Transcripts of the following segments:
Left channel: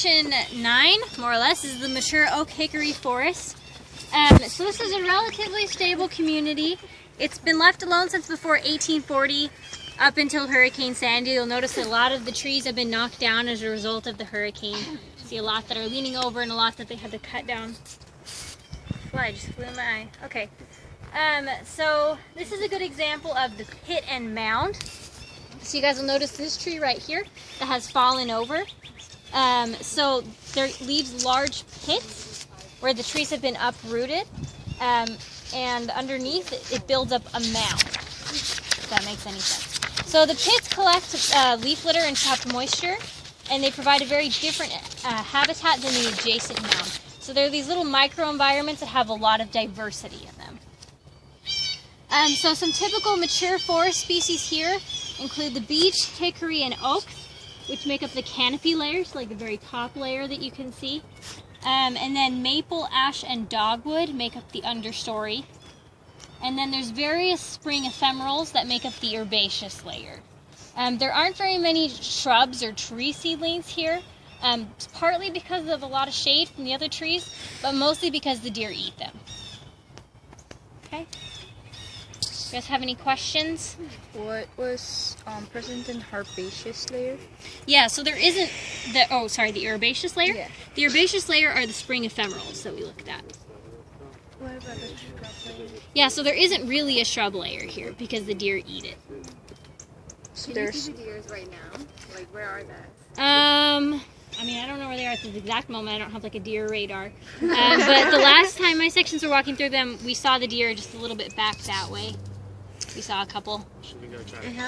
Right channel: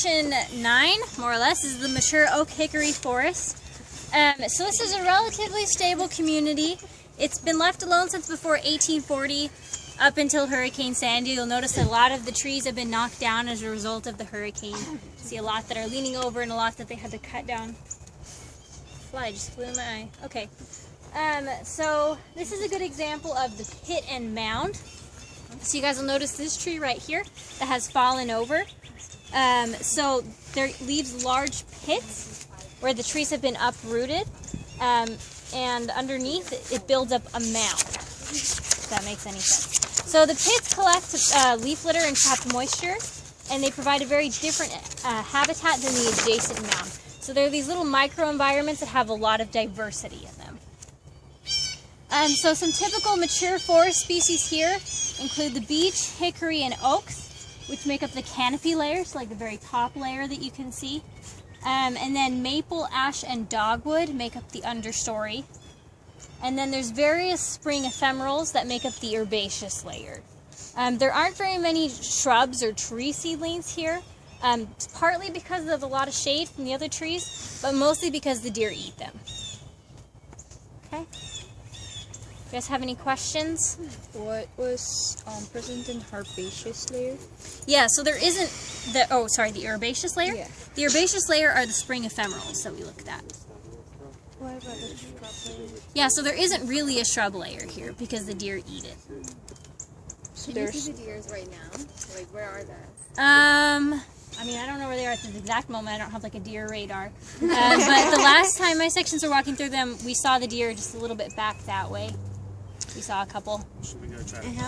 section 9, more or less, is the mature oak hickory forest. So this is a relatively stable community. It's been left alone since before 1840 up until Hurricane Sandy. You'll notice that a lot of the trees have been knocked down as a result of the hurricane. You see a lot that are leaning over and a lot that they had to cut down. Fly just flew in my eye. Okay. So this is a good example of the pit and mound. So you guys will notice this tree right here that has fallen over. So there leaves large pits where the trees have been uprooted, and underneath it builds up a mound, if that makes any sense. So the pits collect leaf litter and trapped moisture, and they provide a very different habitat than the adjacent mound. So there are these little microenvironments that have a lot of diversity in them. So some typical mature forest species here include the beech, hickory, and oaks, which make up the canopy layers, like the very top layer that you can see. And then maple, ash, and dogwood make up the understory. And then there's various spring ephemerals that make up the herbaceous layer. There aren't very many shrubs or tree seedlings here, partly because of a lot of shade from the other trees, but mostly because the deer eat them. Okay? You guys have any questions? What was present in herbaceous layer? Yeah, so there isn't the the herbaceous layer? Yeah. The herbaceous layer are the spring ephemerals that we looked at. What about the shrub layer? Yeah, so there isn't really a shrub layer here because the deer eat it. So Can you see the deers right now? Like, where are they? I mean, I don't know where they are at this exact moment. I don't have like a deer radar. But the last time my sections were walking through them, we saw the deer just a little bit back that way. We saw a couple. And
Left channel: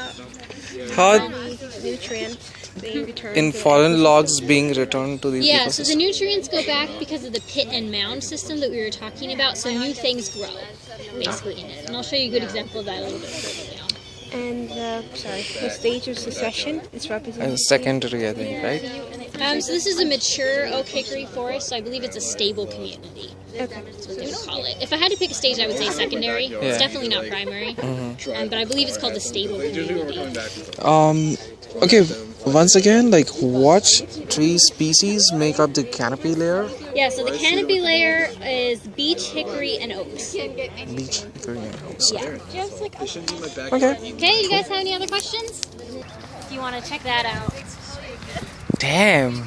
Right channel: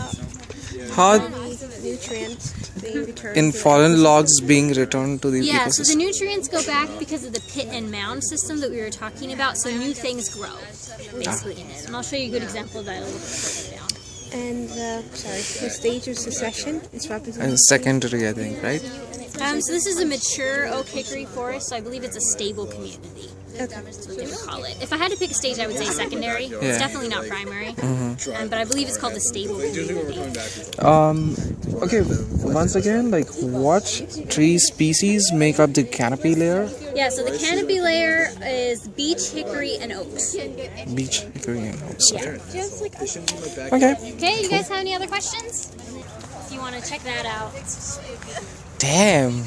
How nutrients being returned in to the foreign logs being returned to the Yeah, so the ecosystem? nutrients go back because of the pit and mound system that we were talking about, so new things grow, basically, in it. And I'll show you a good example of that a little bit further down. And the stage of succession is represented. And secondary, I think, right? So this is a mature oak hickory forest, so I believe it's a stable community. Okay. That's what they would call it. If I had to pick a stage, I would say secondary. It's definitely not primary, but I believe it's called the stable community. Okay, once again, like what tree species make up the canopy layer? Yeah, so the canopy layer is beech, hickory, and oaks. Beech, hickory, and oaks. Yeah. Okay. Okay, you guys have any other questions? If you want to check that out. Damn.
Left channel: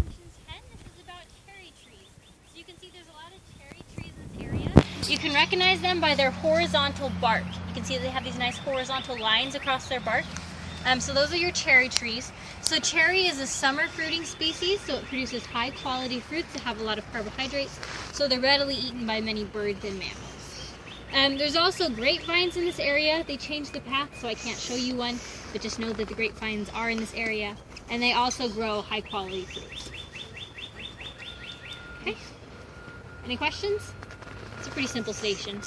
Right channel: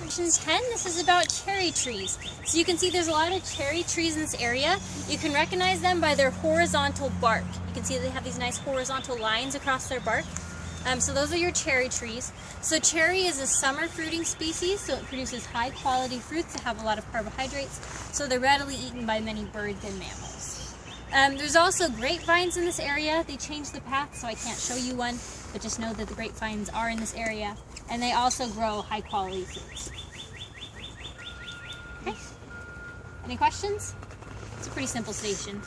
Section 10, this is about cherry trees. So you can see there's a lot of cherry trees in this area. You can recognize them by their horizontal bark. You can see they have these nice horizontal lines across their bark. So those are your cherry trees. So cherry is a summer fruiting species, so it produces high quality fruits that have a lot of carbohydrates, so they're readily eaten by many birds and mammals. There's also grapevines in this area. They changed the path, so I can't show you one, but just know that the grapevines are in this area, and they also grow high quality fruits. Okay, any questions? It's a pretty simple station.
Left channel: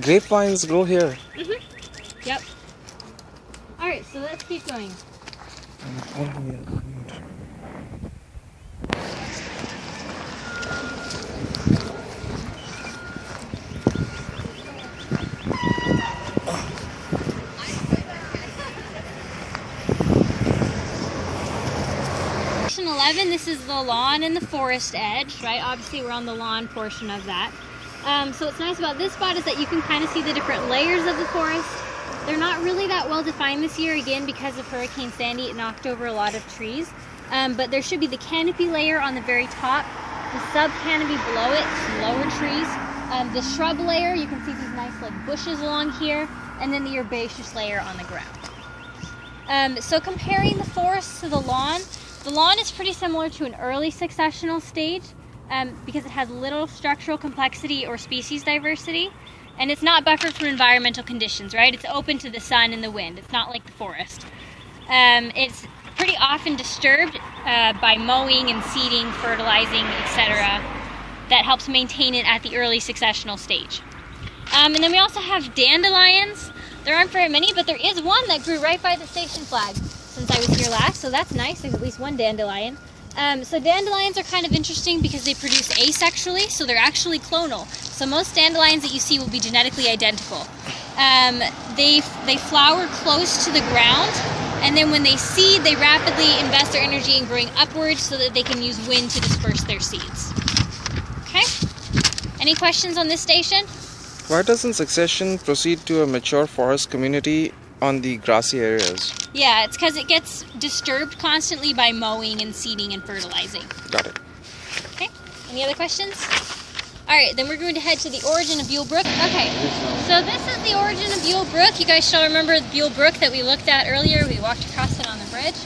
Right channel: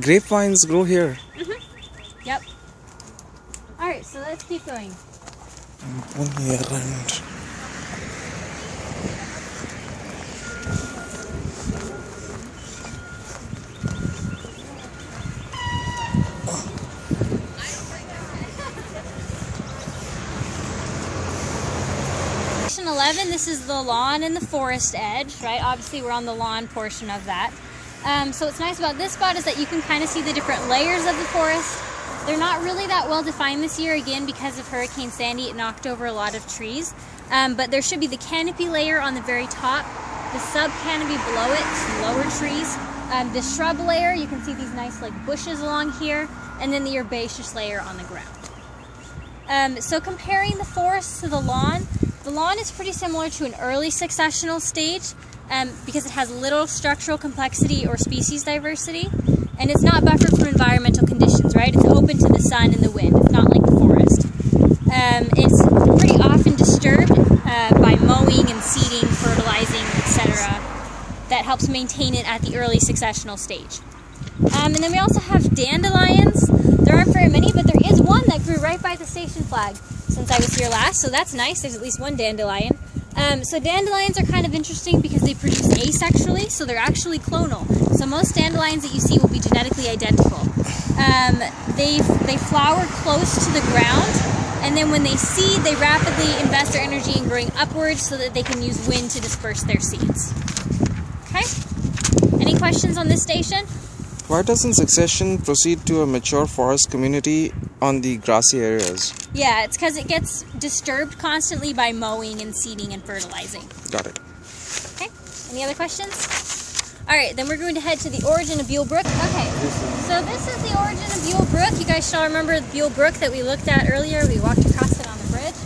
Grapevines grow here. Yep. Alright, so let's keep going. On here and Section 11, this is the lawn and the forest edge, right? Obviously we're on the lawn portion of that. So what's nice about this spot is that you can kind of see the different layers of the forest. They're not really that well defined this year, again, because of Hurricane Sandy. It knocked over a lot of trees. But there should be the canopy layer on the very top, the sub-canopy below it, lower trees, the shrub layer, you can see these nice like bushes along here, and then the herbaceous layer on the ground. So comparing the forest to the lawn is pretty similar to an early successional stage because it has little structural complexity or species diversity. And it's not buffered from environmental conditions, right? It's open to the sun and the wind. It's not like the forest. It's pretty often disturbed by mowing and seeding, fertilizing, etc. That helps maintain it at the early successional stage. And then we also have dandelions. There aren't very many, but there is one that grew right by the station flag since I was here last, so that's nice. There's at least one dandelion. So dandelions are kind of interesting because they produce asexually, so they're actually clonal. So most dandelions that you see will be genetically identical. They flower close to the ground, and then when they seed, they rapidly invest their energy in growing upwards so that they can use wind to disperse their seeds. Okay? Any questions on this station? Why doesn't succession proceed to a mature forest community on the grassy areas? Yeah, it's because it gets disturbed constantly by mowing and seeding and fertilizing. Got it. Okay, any other questions? All right, then we're going to head to the origin of Buell Brook. Okay, so this is the origin of Buell Brook. You guys shall remember Buell Brook that we looked at earlier. We walked across it on the bridge.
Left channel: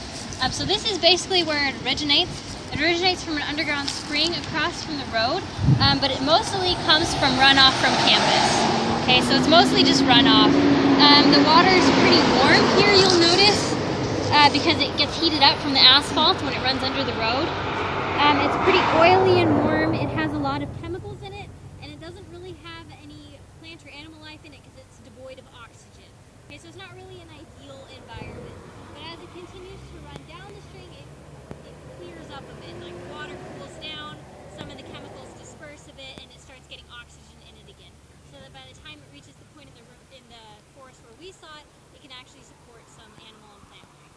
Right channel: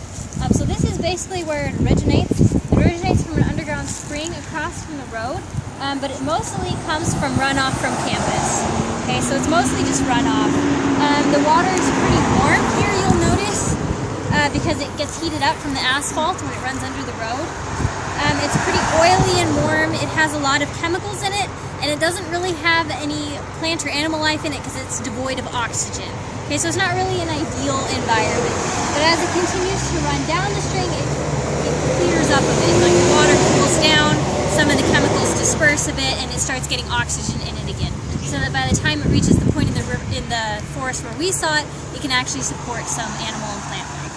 So this is basically where it originates. It originates from an underground spring across from the road, but it mostly comes from runoff from campus. Okay, so it's mostly just runoff. The water is pretty warm here, you'll notice, because it gets heated up from the asphalt when it runs under the road. It's pretty oily and warm. It has a lot of chemicals in it, and it doesn't really have any plant or animal life in it because it's devoid of oxygen. Okay, so it's not really an ideal environment. But as it continues to run down the string, it clears up a bit. Like the water cools down, some of the chemicals disperse a bit, and it starts getting oxygen in it again. So that by the time it reaches the point in the forest where we saw it, it can actually support some animal and plant life.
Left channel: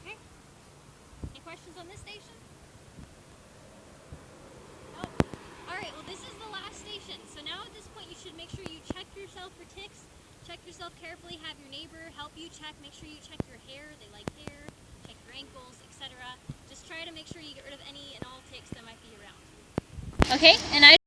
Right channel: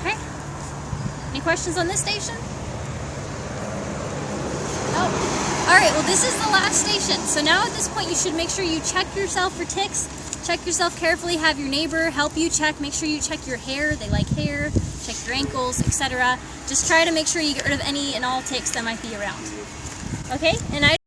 Okay? Any questions on this station? Oh. Alright, well this is the last station. So now at this point you should make sure you check yourself for ticks. Check yourself carefully, have your neighbor help you check. Make sure you check your hair, they like hair. Check your ankles, etc. Just try to make sure you get rid of any and all ticks that might be around. Okay? And